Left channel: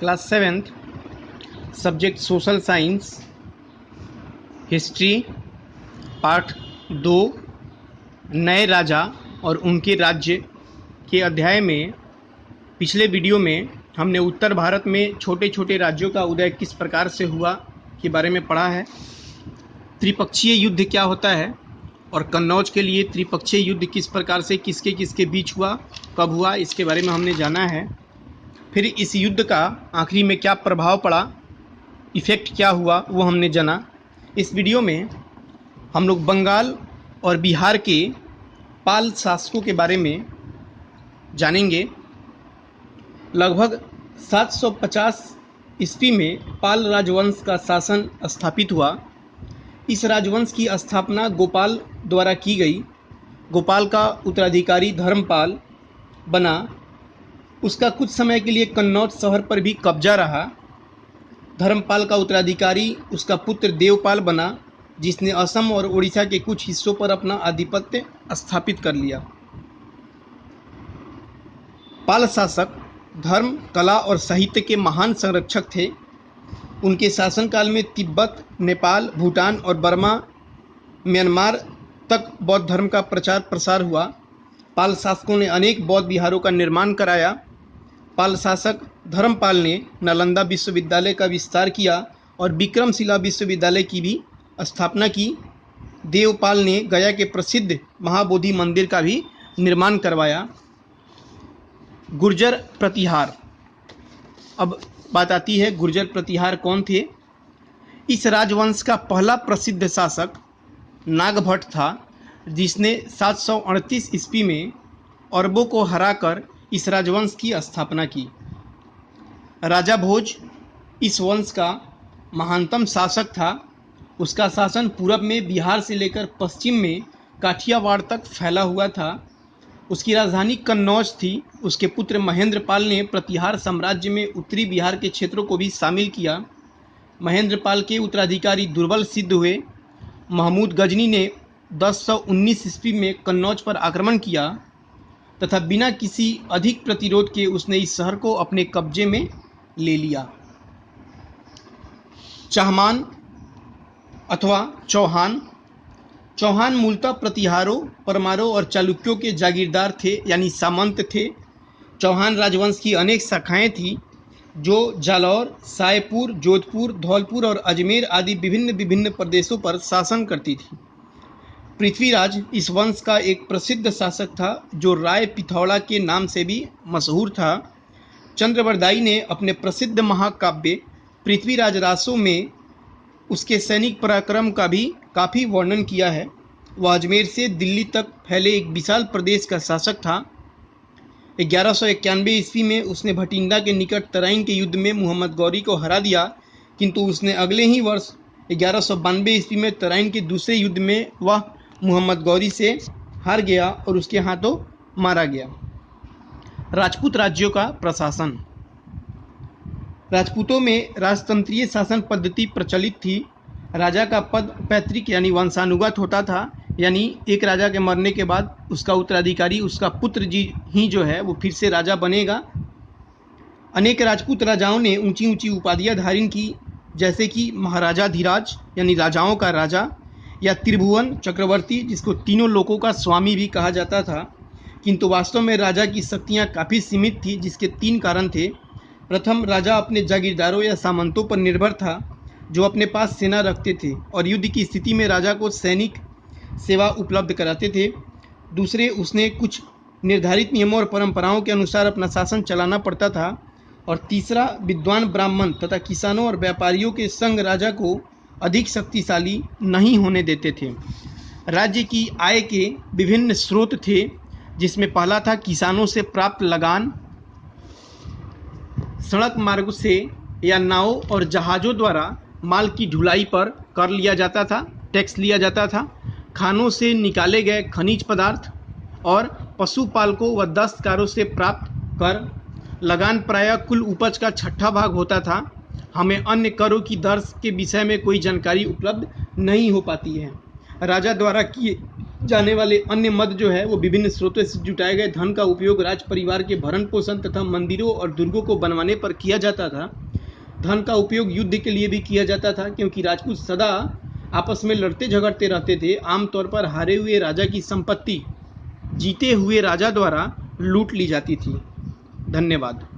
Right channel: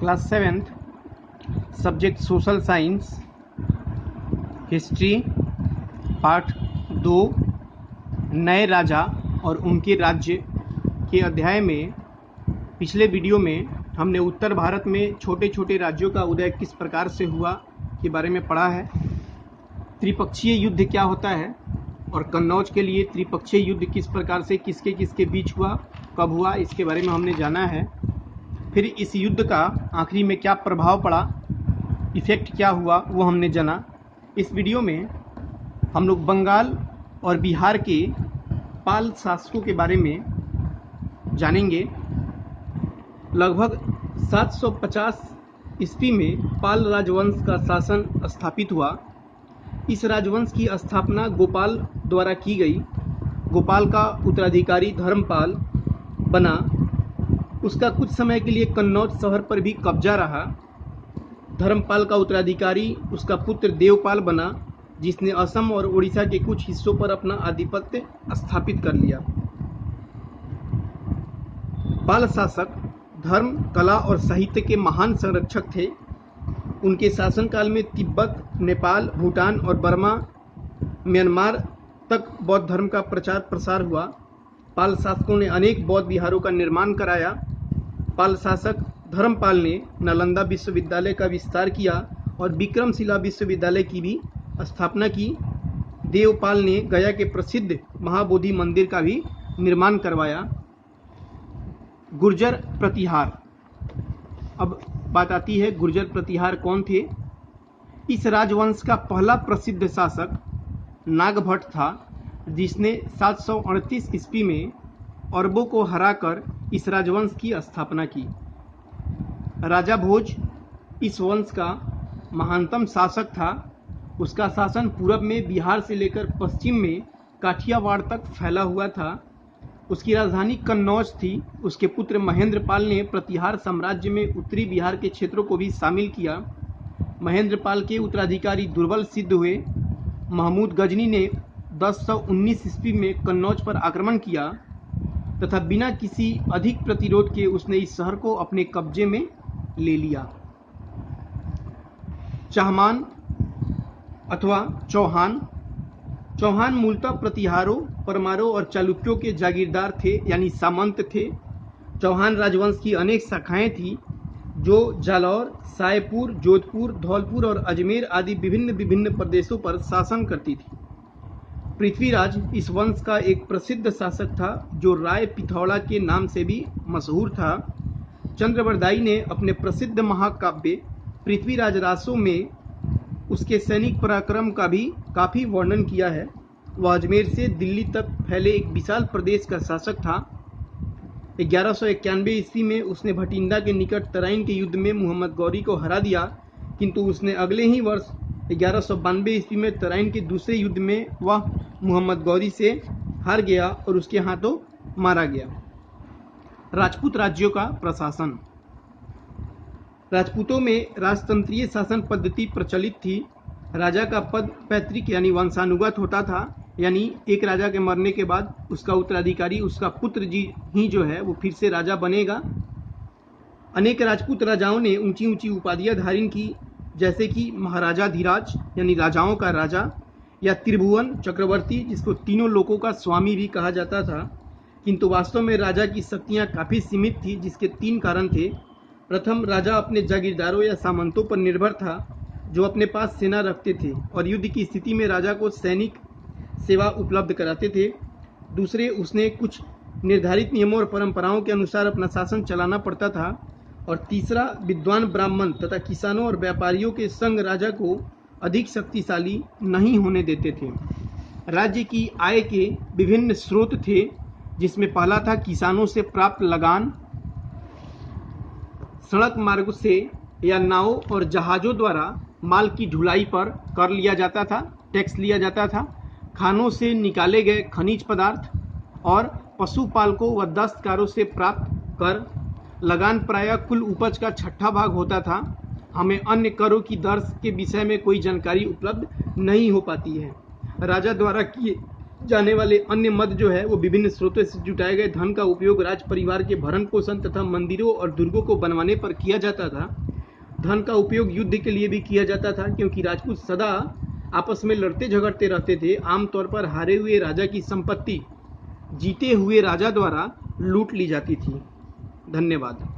Class 7th subject social science history part 2 नए राजा और उनके राज्य के अध्याय में पिछले वीडियो में हमने उत्तर भारत में छोटे छोटे राज्यों का उदय किस प्रकार से हुआ के बारे में पढ़ा है। त्रिपक्षीय युद्ध क्या होता है और कन्नौज के लिए त्रिपक्षीय युद्ध किस प्रकार से किसके किसके बीच हुआ, कब हुआ, इसके बारे में हमने जाना है। फिर इस युद्ध का आखिरी में क्या प्रभाव पड़ा, इफ़ेक्ट क्या हुआ, वो हमने जाना। इस वीडियो में हम लोग बंगाल और बिहार के पाल शासकों के बारे में जानेंगे। लगभग 750 ईस्वी में पाल राजवंश का शासन स्थापित हुआ। इस राजवंश की स्थापना गोपाल द्वारा की गई। गोपाल का उत्तराधिकारी धर्मपाल बना। उसका कुछ समय के लिए कन्नौज शहर पर भी कब्जा रहा। धर्मपाल का उत्तराधिकारी उसका पुत्र देवपाल बना, जिसने असम और उड़ीसा के कुछ हिस्सों पर अपना आधिपत्य स्थापित कर लिया। पाल शासक धर्म, कला और साहित्य के महान संरक्षक थे। उनके शासनकाल में तिब्बत, नेपाल, भूटान और बर्मा, म्यांमार तक बौद्ध धर्म का प्रचार प्रसार हुआ। पाल शासकों ने अनेक बौद्ध विहारों का निर्माण कराया। पाल शासक धर्मपाल ने नालंदा विश्वविद्यालय का विस्तार किया और विक्रमशिला विश्वविद्यालय की भी स्थापना की। देवपाल ने गया के प्रसिद्ध महाबोधि मंदिर का भी निर्माण करवाया। गुर्जर प्रतिहार। अब बात आती है गुर्जर प्रतिहार कौन थे। इस राजवंश का पहला प्रसिद्ध शासक नागभट्ट था, जिसने 738 ईस्वी में अरबों को हराकर इस राजवंश की स्थापना की। राजा भोज इस वंश का महानतम शासक था। उसका शासन पूरब में बिहार से लेकर पश्चिम में काठियावाड़ तक फैला हुआ था। उसकी राजधानी कन्नौज थी। उसके पुत्र महेंद्रपाल ने प्रतिहार साम्राज्य में उत्तरी बिहार के क्षेत्रों को भी शामिल किया। महेंद्रपाल के उत्तराधिकारी दुर्बल सिद्ध हुए। महमूद गजनी ने 1019 ईस्वी में कन्नौज पर आक्रमण किया तथा बिना किसी अधिक प्रतिरोध के उसने इस शहर को अपने कब्जे में ले लिया। चाहमान अथवा चौहान। चौहान मूलतः प्रतिहारों, परमारों और चालुक्यों के जागीरदार थे, यानी सामंत थे। चौहान राजवंश की अनेक शाखाएं थीं, जो जालौर, सायपुर, जोधपुर, धौलपुर और अजमेर आदि विभिन्न प्रदेशों पर शासन करती थी। पृथ्वीराज इस वंश का एक प्रसिद्ध शासक था, जो राय पिथौड़ा के नाम से भी मशहूर था। चंद्रवरदाई ने अपने प्रसिद्ध महाकाव्य पृथ्वीराज रासो में उसके सैनिक पराक्रम का भी काफ़ी वर्णन किया है। वह अजमेर से दिल्ली तक फैले एक विशाल प्रदेश का शासक था। 1191 ईस्वी में उसने भटिंडा के निकट तराइन के युद्ध में मोहम्मद गौरी को हरा दिया, किंतु उसने अगले ही वर्ष 1192 ईस्वी में तराइन के दूसरे युद्ध में वह मोहम्मद गौरी से हार गया और उसके हाथों मारा गया। राजपूत राज्यों का प्रशासन। राजपूतों में राजतंत्रीय शासन पद्धति प्रचलित थी। राजा का पद पैतृक यानी वंशानुगत होता था, यानी एक राजा के मरने के बाद उसका उत्तराधिकारी, उसका पुत्र जी ही जो है वो फिर से राजा बनेगा। अनेक राजपूत राजाओं ने ऊंची ऊंची उपाधियां धारण की, जैसे कि महाराजाधिराज यानी राजाओं का राजा, या त्रिभुवन चक्रवर्ती, जिसको तीनों लोकों का स्वामी भी कहा जाता था। किंतु वास्तव में राजा की शक्तियां काफ़ी सीमित थी, जिसके 3 कारण थे। प्रथम, राजा अपने जागीरदारों या सामंतों पर निर्भर था, जो अपने पास सेना रखते थे और युद्ध की स्थिति में राजा को सैनिक सेवा उपलब्ध कराते थे। दूसरे, उसने कुछ निर्धारित नियमों और परंपराओं के अनुसार अपना शासन चलाना पड़ता था। और तीसरा, विद्वान ब्राह्मण तथा किसानों और व्यापारियों के संग राजा को अधिक शक्तिशाली नहीं होने देते थे। राज्य की आय के विभिन्न स्रोत थे, जिसमें पहला था किसानों से प्राप्त लगान। सड़क मार्ग से या नावों और जहाज़ों द्वारा माल की ढुलाई पर कर लिया जाता था, टैक्स लिया जाता था। खानों से निकाले गए खनिज पदार्थ और पशुपालकों व दस्तकारों से प्राप्त कर। लगान प्रायः कुल उपज का 6वां भाग होता था। हमें अन्य करों की दर के विषय में कोई जानकारी उपलब्ध नहीं हो पाती है। राजा द्वारा किए जाने वाले अन्य मद जो है वो विभिन्न स्रोतों से जुटाए गए धन का उपयोग राज परिवार के भरण पोषण तथा मंदिरों और दुर्गों को बनवाने पर किया जाता था। धन का उपयोग युद्ध के लिए भी किया जाता था, क्योंकि राजपूत सदा आपस में लड़ते झगड़ते रहते थे। आमतौर पर हारे हुए राजा की संपत्ति जीते हुए राजा द्वारा लूट ली जाती थी। धन्यवाद।